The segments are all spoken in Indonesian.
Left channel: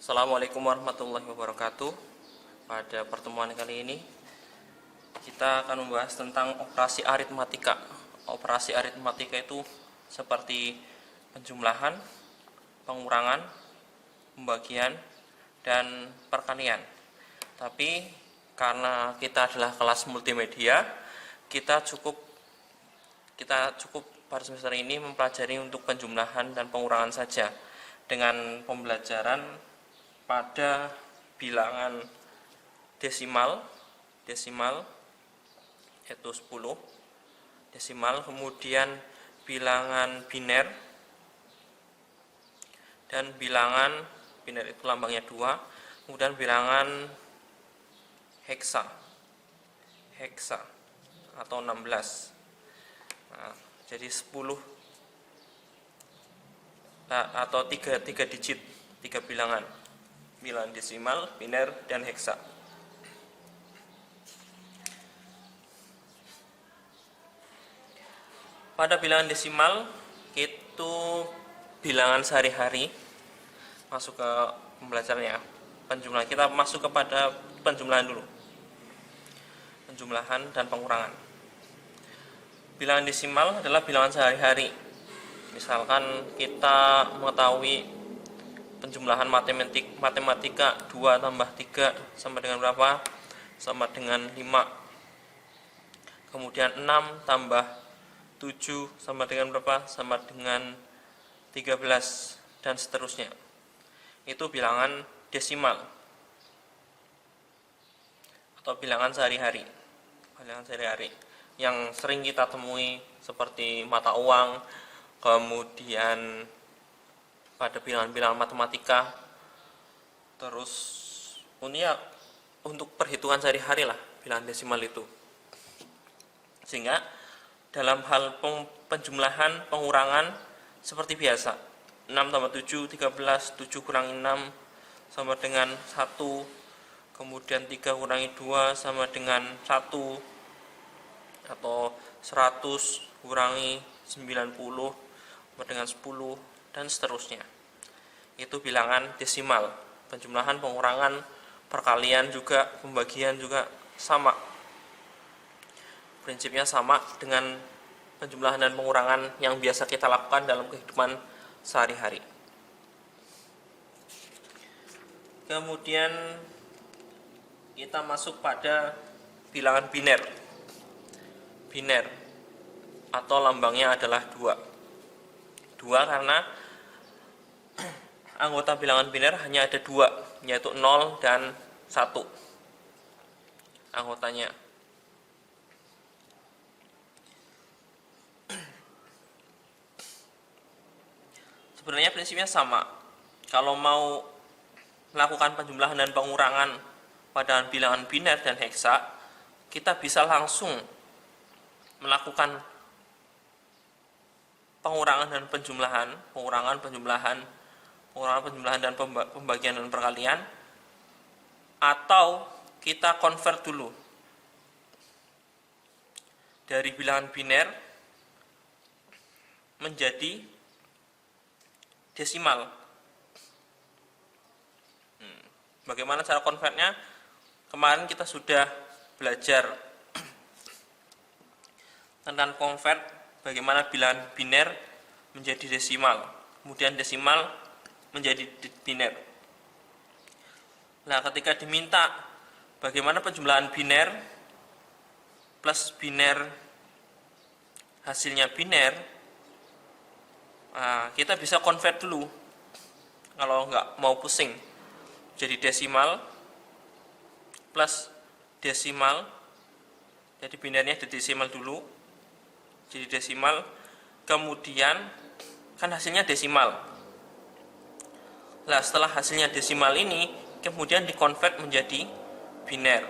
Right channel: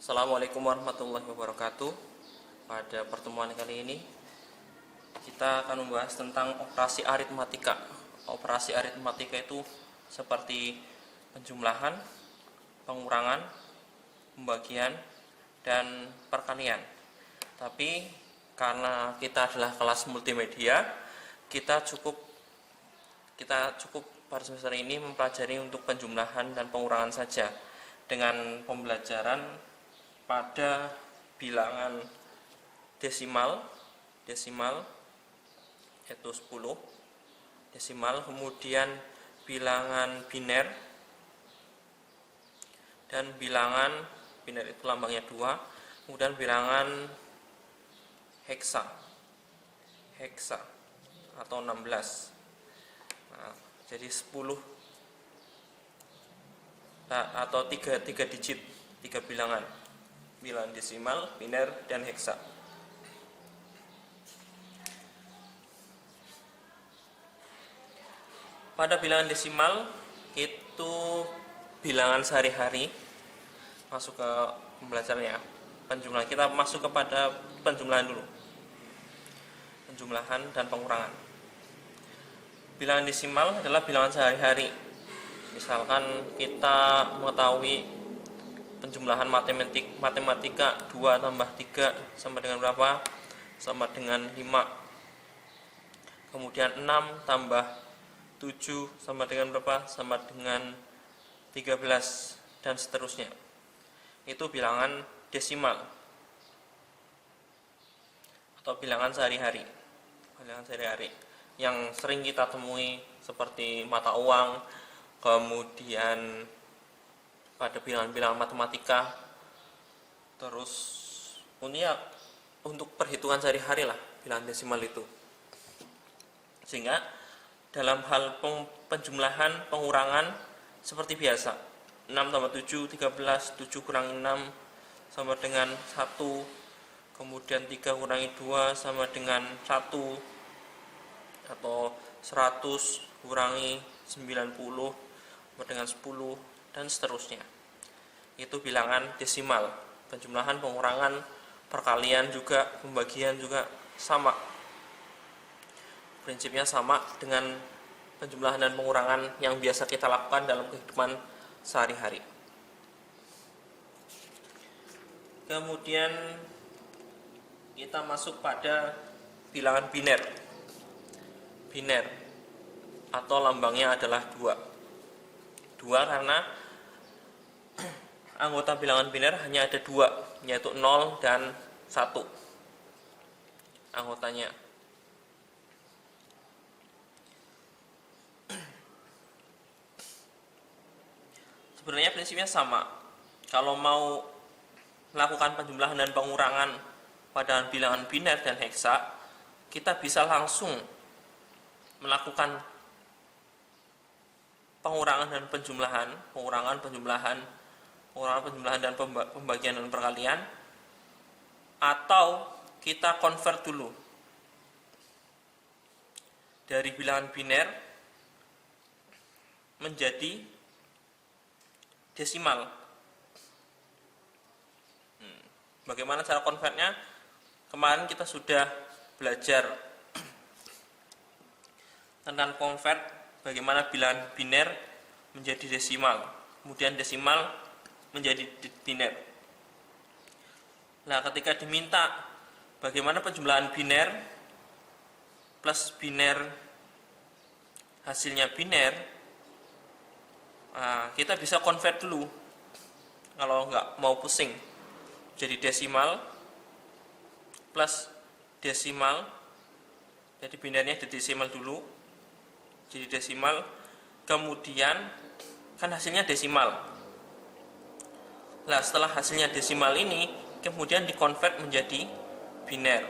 Assalamualaikum warahmatullahi wabarakatuh. Pada pertemuan kali ini kita akan membahas tentang operasi aritmatika. Operasi aritmatika itu seperti penjumlahan, pengurangan, pembagian, dan perkalian. Tapi karena kita adalah kelas multimedia, kita cukup pada semester ini mempelajari untuk penjumlahan dan pengurangan saja dengan pembelajaran pada bilangan desimal yaitu 10 desimal, kemudian bilangan biner, dan bilangan biner itu lambangnya 2, kemudian bilangan heksa atau 16. Nah, jadi 10 atau 3 digit, 3 bilangan desimal, biner, dan heksa. Pada bilangan desimal itu bilangan sehari-hari, masuk ke pembelajarannya. Penjumlahan, kita masuk kepada penjumlahan dulu. Penjumlahan dan pengurangan. Bilangan desimal adalah bilangan sehari-hari. Misalkan kita mengetahui penjumlahan matematika 2 tambah 3 sama dengan berapa? Sama dengan 5. Kemudian 6 tambah 7 sama dengan berapa? Sama dengan 13, dan seterusnya. Itu bilangan desimal atau bilangan sehari-hari. Bilangan sehari-hari yang sering kita temui seperti mata uang, kemudian pada bilangan-bilangan matematika, terus untuk perhitungan sehari-hari lah bilangan desimal itu. Sehingga dalam hal penjumlahan, pengurangan seperti biasa, 6 tambah 7, 13, 7 kurangi 6 sama dengan 1, kemudian 3 kurangi 2 sama dengan 1, atau 100 kurangi 90 sama dengan 10, dan seterusnya. Itu bilangan desimal. Penjumlahan, pengurangan, perkalian juga, pembagian juga sama. Prinsipnya sama dengan penjumlahan dan pengurangan yang biasa kita lakukan dalam kehidupan sehari-hari. Kemudian kita masuk pada bilangan biner. Biner atau lambangnya adalah 2. 2 karena anggota bilangan biner hanya ada 2, yaitu 0 dan 1 anggotanya. Sebenarnya prinsipnya sama. Kalau mau melakukan penjumlahan dan pengurangan pada bilangan biner dan heksa, kita bisa langsung melakukan pengurangan dan penjumlahan, pengurangan dan pembagian dan perkalian, atau kita convert dulu dari bilangan biner menjadi desimal. Bagaimana cara convertnya? Kemarin kita sudah belajar tentang convert, bagaimana bilangan biner menjadi desimal, kemudian desimal menjadi biner. Nah, ketika diminta bagaimana penjumlahan biner plus biner hasilnya biner, kita bisa convert dulu. Kalau nggak mau pusing, jadi desimal plus desimal, jadi binernya di desimal dulu, jadi desimal, kemudian kan hasilnya desimal. Nah, setelah hasilnya desimal ini kemudian dikonvert menjadi biner.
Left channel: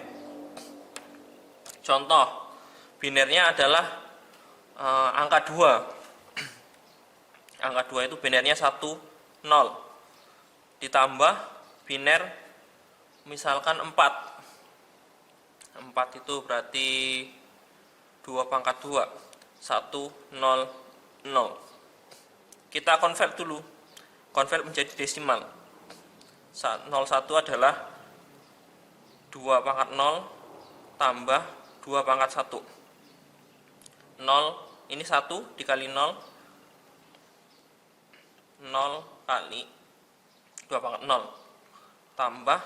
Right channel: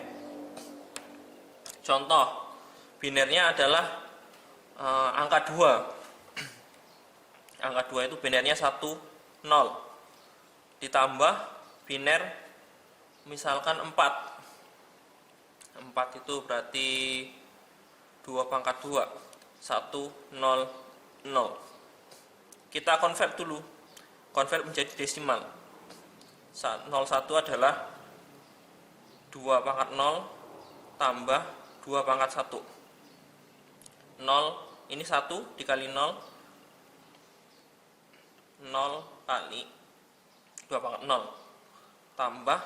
Contoh binernya adalah angka 2. Angka 2 itu binernya 1, 0. Ditambah biner misalkan 4. 4 itu berarti 2 pangkat 2. 1, 0, 0. Kita convert dulu. Convert menjadi desimal. 01 adalah 2 pangkat 0 tambah 2 pangkat 1. 0 ini 1 dikali 0, 0 kali 2 pangkat 0 tambah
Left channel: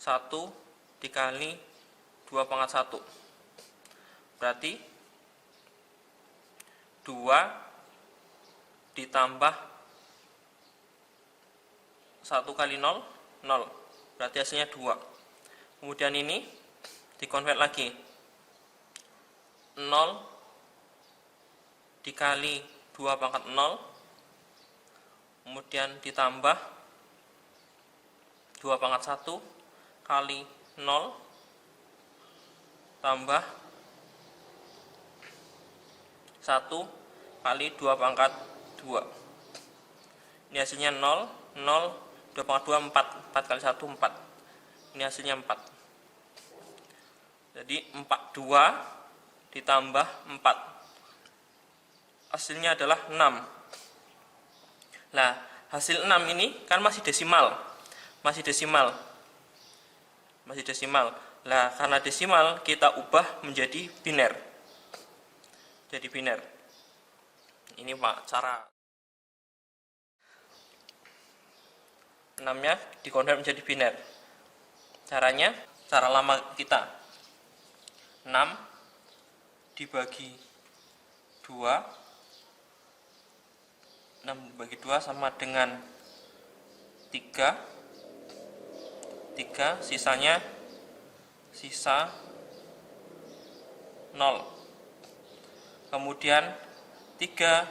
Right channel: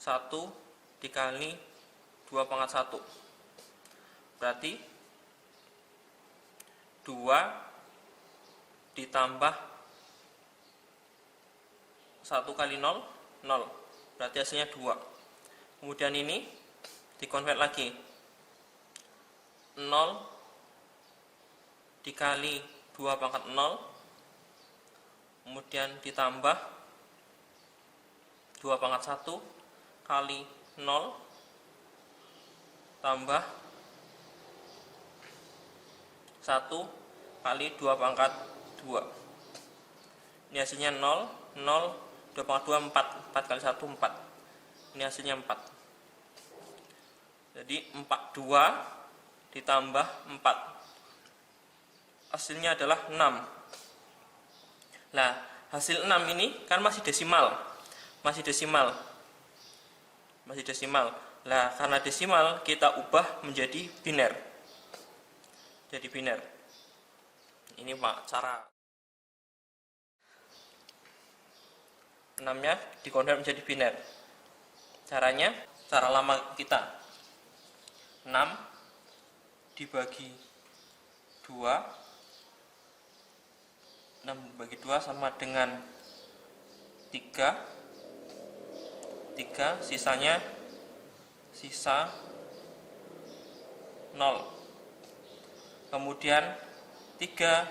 1 dikali 2 pangkat 1. Berarti 2 ditambah 1 kali 0, 0. Berarti hasilnya 2. Kemudian ini dikonvert lagi. 0 dikali 2 pangkat 0, kemudian ditambah 2 pangkat 1 kali 0 tambah 1 kali 2 pangkat 2. Ini hasilnya 0, 0, 2 pangkat 2, 4. 4 kali 1, 4. Ini hasilnya 4. Jadi 42 ditambah 4. Hasilnya adalah 6. Nah, hasil 6 ini kan masih desimal. Masih desimal. Nah, karena desimal kita ubah menjadi biner. Jadi biner. Ini Pak cara 6-nya dikonvert menjadi biner. Caranya, cara lama kita. 6 dibagi 2. 6 dibagi 2 sama dengan 3. 3 sisanya sisa 0. Kemudian 3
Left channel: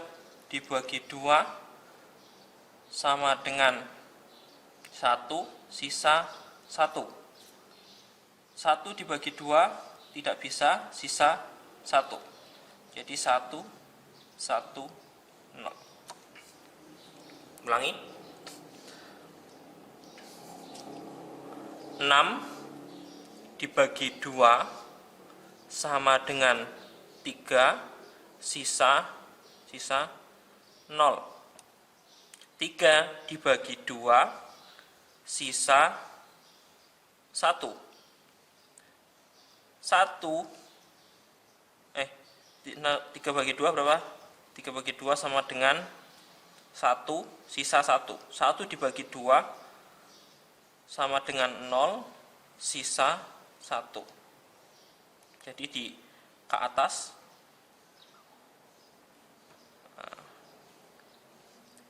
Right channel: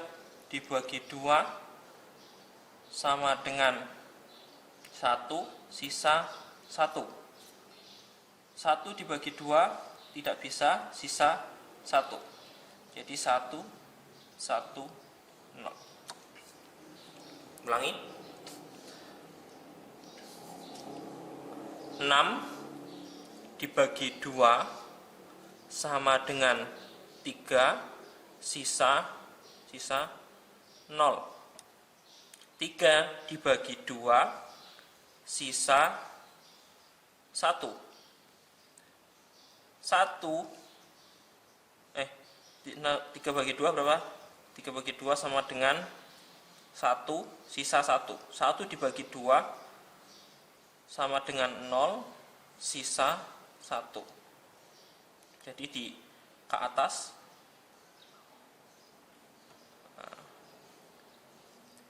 dibagi 2 sama dengan 1 sisa 1. 1 dibagi 2 tidak bisa, sisa 1. Jadi 1, 1, 0. Ulangi. 6 dibagi 2 sama dengan 3 sisa 0. 3 dibagi 2 sisa 1. 3 bagi 2 berapa? 3 bagi 2 sama dengan 1 sisa 1. 1 dibagi 2 sama dengan 0 sisa 1. Jadi di ke atas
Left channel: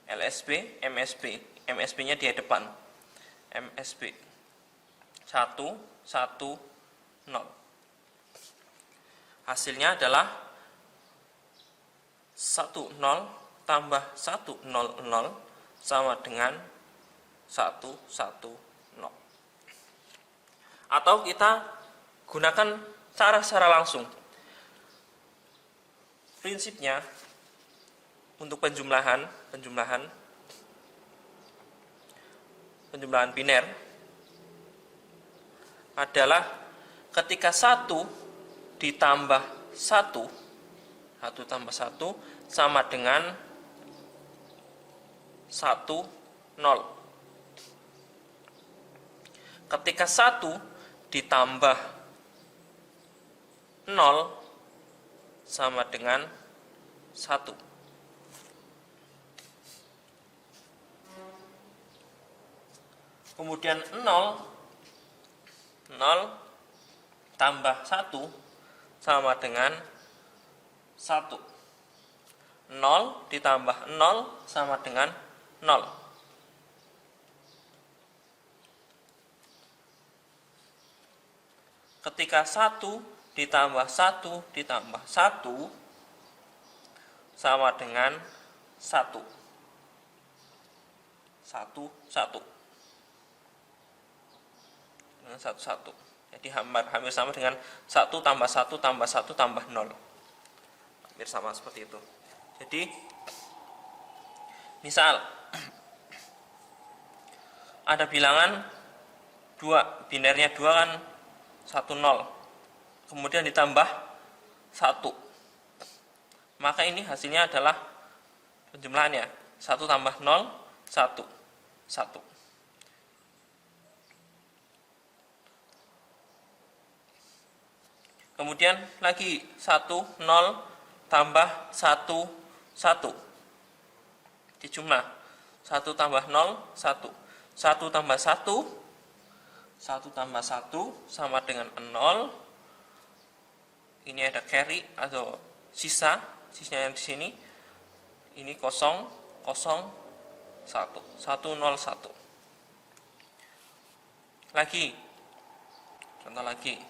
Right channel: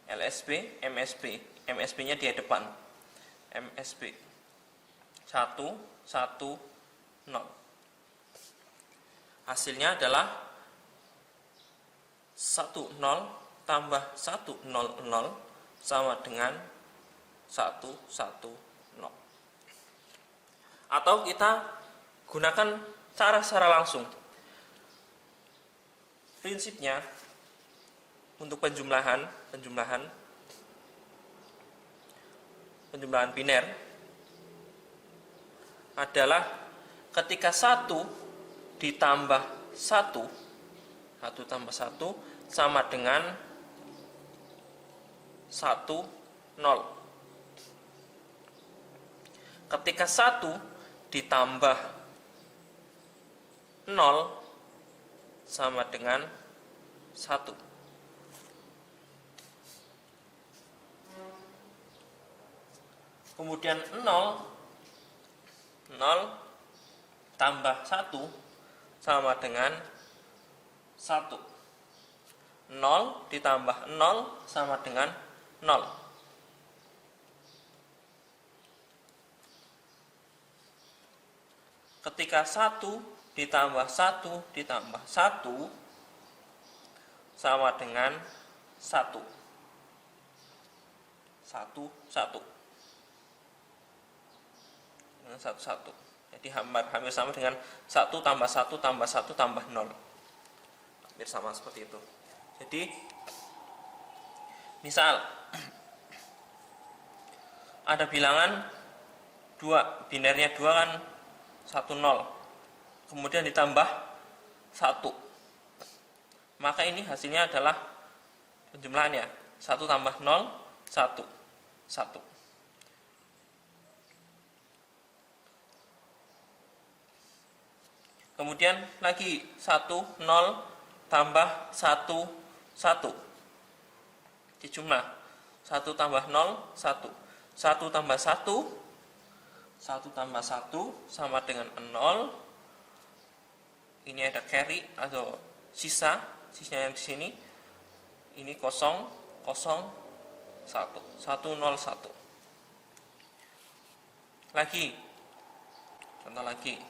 LSB, MSB. MSB-nya di depan. MSB 1, 1, 0. Hasilnya adalah 1, 0 tambah 1, 0, 0 sama dengan 1, 1, 0. Atau kita gunakan cara secara langsung. Prinsipnya untuk penjumlahan biner adalah ketika 1 ditambah 1 tambah 1 sama dengan 1, 0. Ketika 1 ditambah 0 sama dengan 1. Kemudian 0 tambah 1 sama dengan 1. 0 ditambah 0 sama dengan 0. Ketika 1 ditambah 1 ditambah 1 sama dengan 1. 1, 1. Dengan 1, 1. Jadi hampir sama dengan 1 tambah 1 tambah 1 tambah 0. Hampir sama seperti itu. Jadi misal ada bilangan 2, binernya 2 kan 1, 0. Kemudian ditambah 1. Maka ini hasilnya adalah penjumlahannya 1 tambah 0, 1, 1. Kemudian lagi 1, 0 tambah 1, 1. Dijumlah 1 tambah 0, 1. 1 tambah 1, 1 tambah 1 sama dengan 0. Ini ada carry atau sisa yang di sini. Ini 0, 0, 1, 1, 0, 1. Lagi, contoh lagi,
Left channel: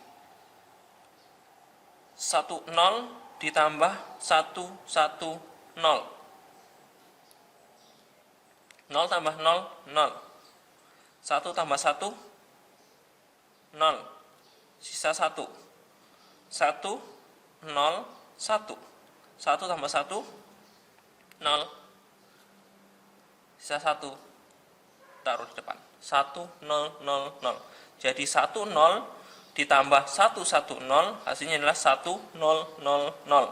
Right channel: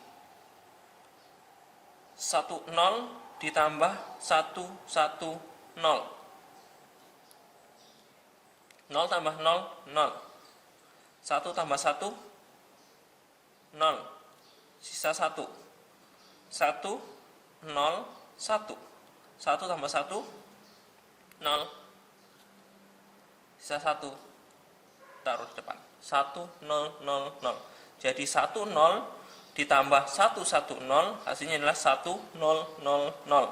1, 0 ditambah 1, 1, 0. 0 tambah 0, 0. 1 tambah 1, 0. Sisa 1. 1, 0, 1. 1 tambah 1, 0. Sisa 1. Taruh di depan. 1, 0, 0, 0. Jadi 1, 0 ditambah 1, 1, 0. Hasilnya adalah 1, 0, 0, 0.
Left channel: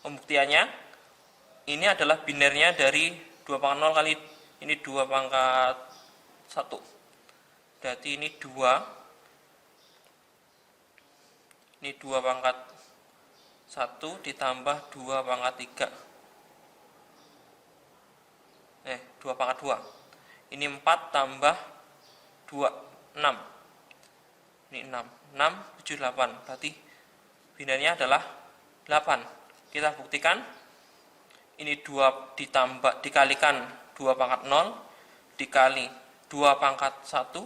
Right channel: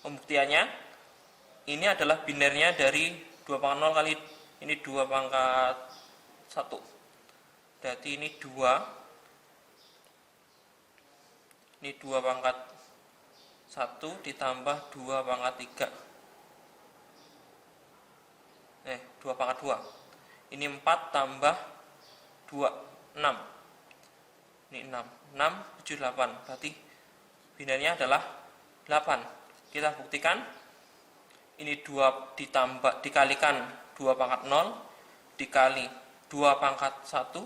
Pembuktiannya, ini adalah binernya dari 2 pangkat 0 kali ini 2 pangkat 1. Berarti ini 2. Ini 2 pangkat 1 ditambah 2 pangkat 3. 2 pangkat 2. Ini 4 tambah 2, 6. Ini 6. 6, 7, 8. Berarti binernya adalah 8. Kita buktikan. Ini 2 dikalikan 2 pangkat 0 dikali 2 pangkat 1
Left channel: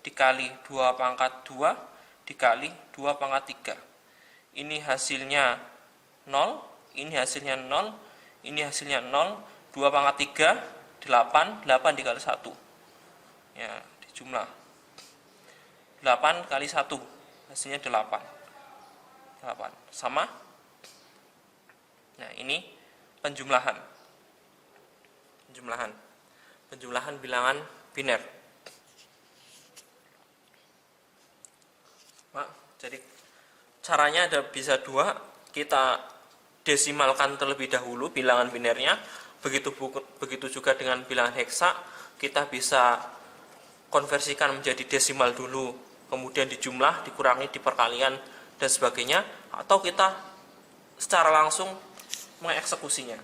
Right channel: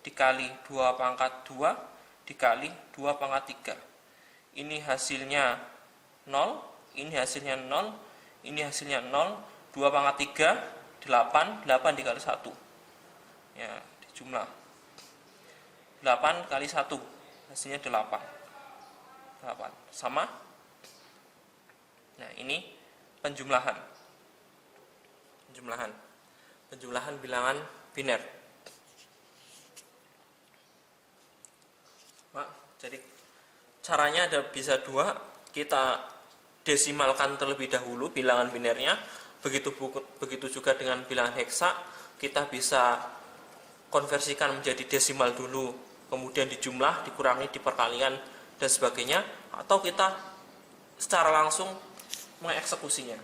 dikali 2 pangkat 2 dikali 2 pangkat 3. Ini hasilnya 0, ini hasilnya 0, ini hasilnya 0, 2 pangkat 3, 8, 8 dikali 1. Ya, dijumlah. 8 kali 1, hasilnya 8. 8, sama. Nah, ini penjumlahan bilangan biner. Jadi caranya ada bisa 2, kita desimalkan terlebih dahulu bilangan binernya, begitu juga dengan bilangan heksa, kita bisa konversikan menjadi desimal dulu, kemudian dijumlah, dikurangi, diperkalian dan sebagainya, atau kita secara langsung mengeksekusinya.